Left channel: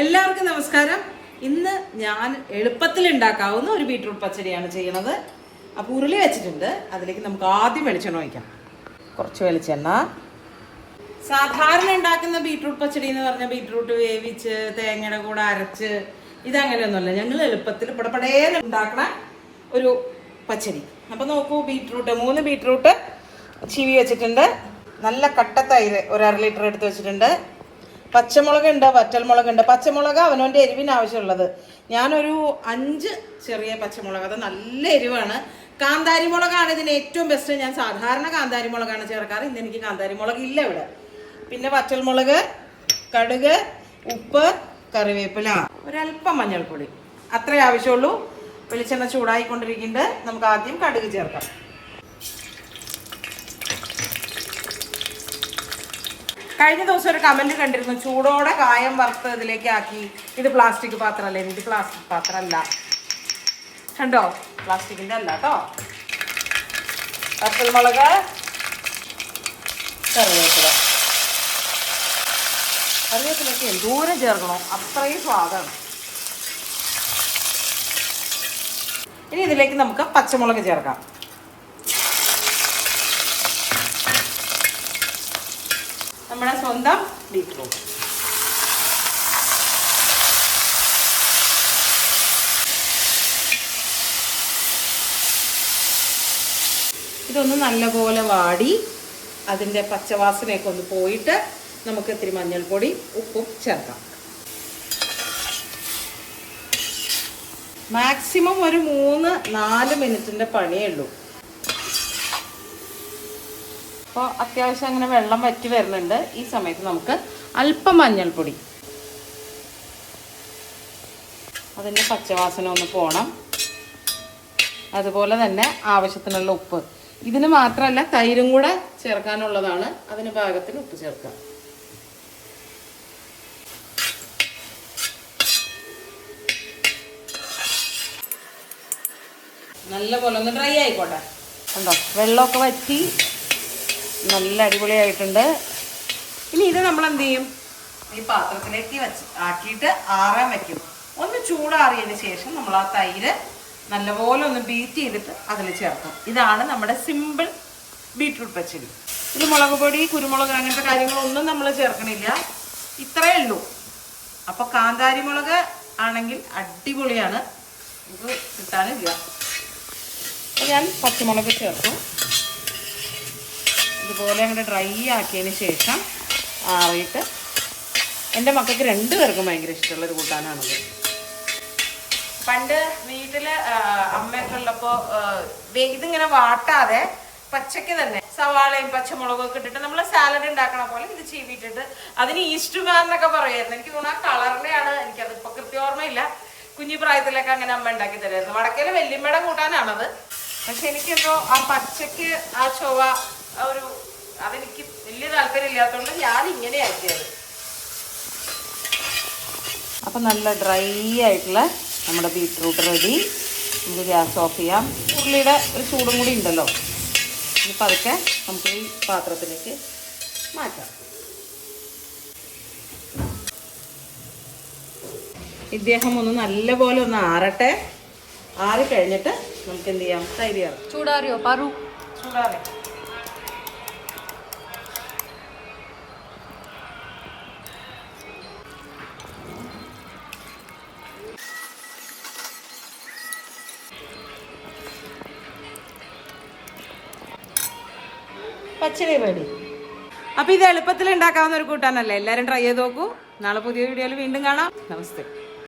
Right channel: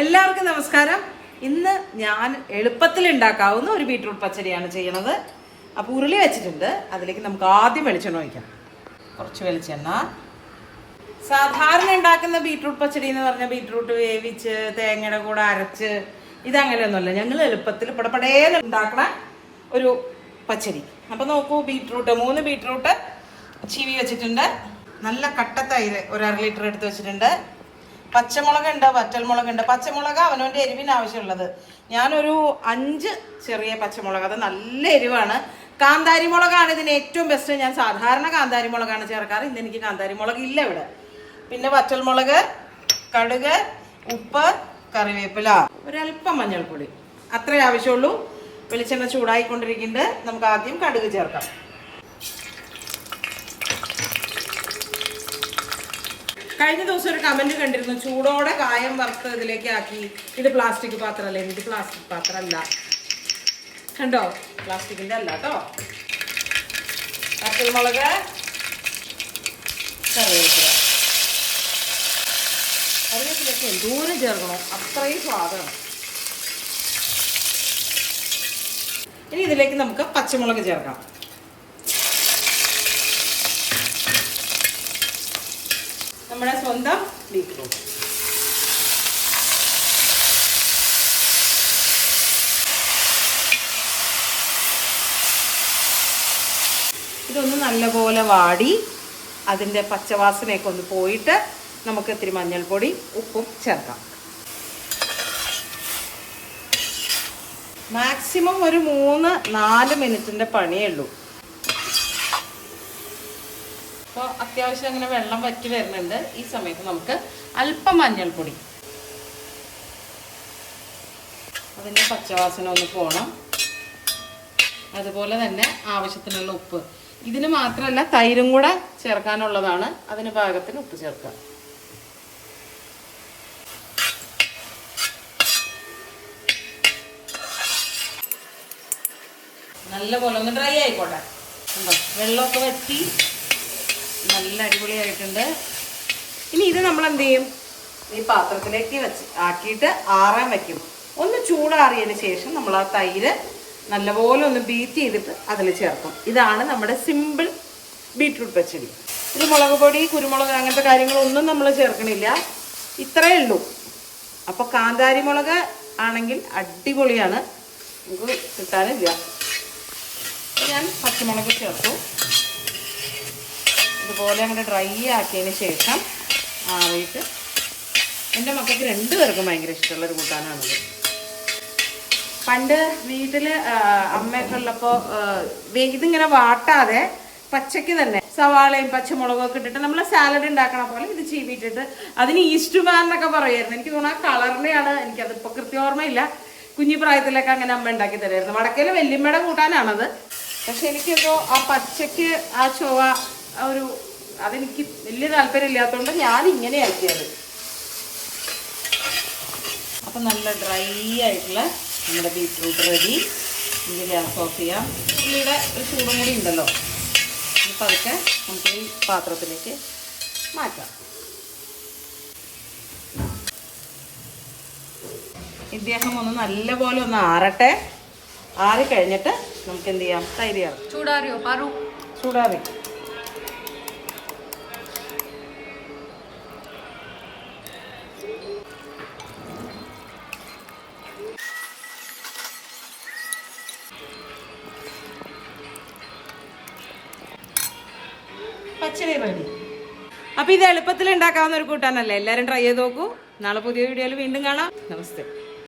എല്ലാവർക്കും നമസ്കാരം. ഇന്ന് ഞാൻ എളുപ്പത്തിൽ ഉണ്ടാക്കാവുന്ന ഒരു ബീട്രൂട്ട് പച്ചടിയാണ് ചെയ്യുന്നത്. അപ്പോൾ ഉരുളി വെച്ചിട്ടുണ്ട്. അതിലേക്ക് നമുക്ക് ആദ്യം വെളിച്ചെണ്ണ ഒഴിക്കാം. കുറച്ച് വെളിച്ചെണ്ണ. സാധാരണ ഉണ്ടാക്കുന്ന ബീട്രൂട്ട് പച്ചടി എന്ന് പറഞ്ഞാൽ ബീട്രൂട്ട് വേവിച്ച് തേങ്ങയുടെ കൂടെ അരച്ച് ഇതങ്ങനെയൊന്നുമല്ല. ഞങ്ങൾ എളുപ്പത്തിൽ പടപടേന്ന് ഉണ്ടാക്കണ ഒരു പച്ചടി. അപ്പൊ നോക്കൂ ബീട്രൂട്ട് മൂന്ന് ബീട്രൂട്ട് ചീവി വെച്ചിട്ടുണ്ട്. നല്ല കട്ട ഒരു അര ലിറ്റർ എടുത്ത് വെച്ചിട്ടുണ്ട്. പച്ചമുളക് ഉണ്ട് വറ്റൽമുളക് ഉണ്ട് പച്ചമുളക് അവനവന്റെ എരിവിന് ആവശ്യമുള്ളത് ഞാനൊരു അഞ്ച് ചെറിയ പച്ചമുളക് അത് നല്ല എരിവാണ്. കാന്താരി മുളകാണ് ഇതിന് ഏറ്റവും ബെസ്റ്റ് ഞാൻ സാധാരണ കാന്താരി മുളകാണ് ചേർക്കാറ്. ഇന്ന് എനിക്ക് കാന്താരി മുളക് ഇല്ല ഇവിടെ. പിന്നെ വറ്റൽമുളക് കടുക് ഉപ്പ് കറിവേപ്പില. ഒരല്പം മഞ്ഞൾപ്പൊടി. അത്രേ ആവശ്യമുള്ളൂ. വെളിച്ചെണ്ണ ചൂടായിക്കൊണ്ടിരിക്കുന്നുണ്ട്. നമുക്ക് ആദ്യം കടുക് ചേർക്കാം. കഴിഞ്ഞ ദിവസം ഒരു കമന്റ് കണ്ടിരുന്നു ചൂടോടെ കായം വറുത്ത് ഇതിലേക്ക് ആക്കി. ഇത് പ്ലാസ്റ്റിക് പാത്രമല്ലേ ഇത് പ്ലാസ്റ്റിക് പാത്രമല്ല കണ്ടോ? പ്ലാസ്റ്റിക്കിന്റെ അല്ല കേട്ടോ പച്ചമുളക് കറിവേപ്പില. കറിവേപ്പിലൊക്കെ എന്തോരം ചേർക്കണോ? അത്രയും സ്വാദാണ്. ഇനി ഇതിലേക്ക് നമുക്ക് പച്ചമുളക് ചേർക്കാം. നമ്മുടെ സ്വന്തം ബീറ്റ്റൂട്ട്. ഇതൊന്ന് നല്ലപോലെ വാടി അതിന്റെ പച്ചവാസനയൊക്കെ ഒന്ന് പോയിട്ട് നമുക്ക് ഇത്തിരി മഞ്ഞൾപ്പൊടി ഉപ്പും ചേർക്കാം. മാക്സിമം ഒരു മൂന്ന് നാല് മിനിറ്റിന്റെ പണിയേ ഉള്ളൂ. അപ്പോൾ അത്യാവശ്യം അങ്ങനെ വെള്ളം വറ്റി വരുന്നുണ്ട്. ഈ സമയത്ത് നമുക്ക് അല്പം മഞ്ഞൾപ്പൊടി. അതിന്റെ പച്ചവാസന ഒന്ന് പോണം. അതുപോലെ തന്നെ ആവശ്യത്തിനുള്ള ഉപ്പ്. ഇതിന് മാത്രമല്ല തൈരും കൂടെ ചേർക്കാനുള്ളതാണ്. അതിന് പാകത്തിന് ഉപ്പ് ചേർക്കാം നല്ല പോലെ ഒന്ന് ഡ്രൈ ആയിക്കോട്ടെ. ഉണ്ടോ വെള്ളമൊക്കെ വറ്റി നല്ല അടിപൊളിയായിട്ടുണ്ട്. ഇനി ഇത് നമ്മൾ എന്ത് ചെയ്യും? ഈ പാത്രത്തിലേക്ക് വെച്ച് ആക്കിയിട്ട് ആറാൻ വെക്കും. ഒന്ന് ചൂടാറിയതിന് ശേഷം നമ്മൾ ആ തൈര് നല്ലപോലെ ഒന്ന് ബീറ്റ് ചെയ്തിട്ട് അതിൽ ചേർക്കും. ഇതാണ് നമ്മുടെ സിമ്പിൾ ബീറ്റ്റൂട്ട് പച്ചടി. ഇത് മുളക് പൊടി കുരുമുളക് അങ്ങനത്തെ കാര്യങ്ങളൊന്നും നമ്മൾ ചേർക്കണില്ല. ഇത്രയേ ഉള്ളൂ. അപ്പോൾ കാന്താരി മുളക് ആണെങ്കിൽ അടിപൊളിയാണ്. നമുക്ക് കിട്ടാനില്ല. ഞാൻ പച്ചമുളക് ചേർത്ത് ഇതുപോലെ അങ്ങനെ ഡ്രൈ ആക്കിയതിന് ശേഷം ആറിയിട്ട് എന്റെ മക്കൾക്ക് രണ്ടു പേർക്കും ഭയങ്കര ഇഷ്ടമുള്ളൊരു കൂട്ടാനാണത്. പണ്ട് വീട്ടിൽ അമ്മയൊക്കെ ഉള്ളപ്പോൾ ഇതിങ്ങനെ വാട്ടാതെ പച്ചയ്ക്ക് തന്നെ സവാളയും പച്ചമുളകും ഒക്കെ ഇട്ടിട്ട് നമ്മൾ സാലഡ് ഉണ്ടാക്കണ പോലെ ഇത് ചീവിട്ടിട്ട് അതിന് ഈസ്റ്റ് മാൻ എന്നൊക്കെ പറയുമായിരുന്നു എനിക്ക് തോന്നുന്നു ആ കളറിനെയാണ് എനിക്കതിപ്പോൾ കൃത്യ ഓർമ്മയില്ല. കുഞ്ഞു പ്രായത്തിലൊക്കെ അങ്ങനെ അമ്മ ഉണ്ടാക്കി തരുമായിരുന്നു വടക്കയിലെ വല്യമ്മയുടെ കൂട്ടാനാണത്. പക്ഷെ എനിക്കെന്തോ ആ പച്ചയ്ക്ക് ആ ചൊവ ആ ഒരു അതെനിക്ക് വലിയ താല്പര്യം ഇല്ലാത്തതുകൊണ്ട് ഞാൻ ഇങ്ങനെ ആക്കിയത്. അപ്പൊ നല്ല ഡ്രൈ ആയിട്ടുള്ള നമ്മുടെ ബീറ്റ്റൂട്ട് റെഡി. നമുക്ക് ഗ്യാസ് ഓഫ് ചെയ്യാം. ഉള്ളിയുടെ ഒരു ചൂടും കൂടി ഉണ്ടല്ലോ. ഇനി പതുക്കെ നമുക്ക് ഈ പാത്രത്തിലേക്ക് മാറ്റാം. ഇദ്ദേഹം ഒന്ന് നല്ലപോലെ ഒന്ന് ആറട്ടെ. ആറി കഴിഞ്ഞിട്ട് നമുക്ക് എന്ത് ചെയ്യാം? തൈര് ചേർക്കാം. ചൂടാറിയോ? പറു? ചൂടാറി. പച്ചടി അപ്പോൾ അപ്പൊ ഇത് എളുപ്പത്തിൽ ഉണ്ടാക്കാവുന്ന ഒരു കൂട്ടാനല്ലേ? എല്ലാരും ട്രൈ ചെയ്ത് നോക്കൂ. നാളെ പുതിയ വീഡിയോയിൽ വീണ്ടും കാണാം. നമസ്തേ.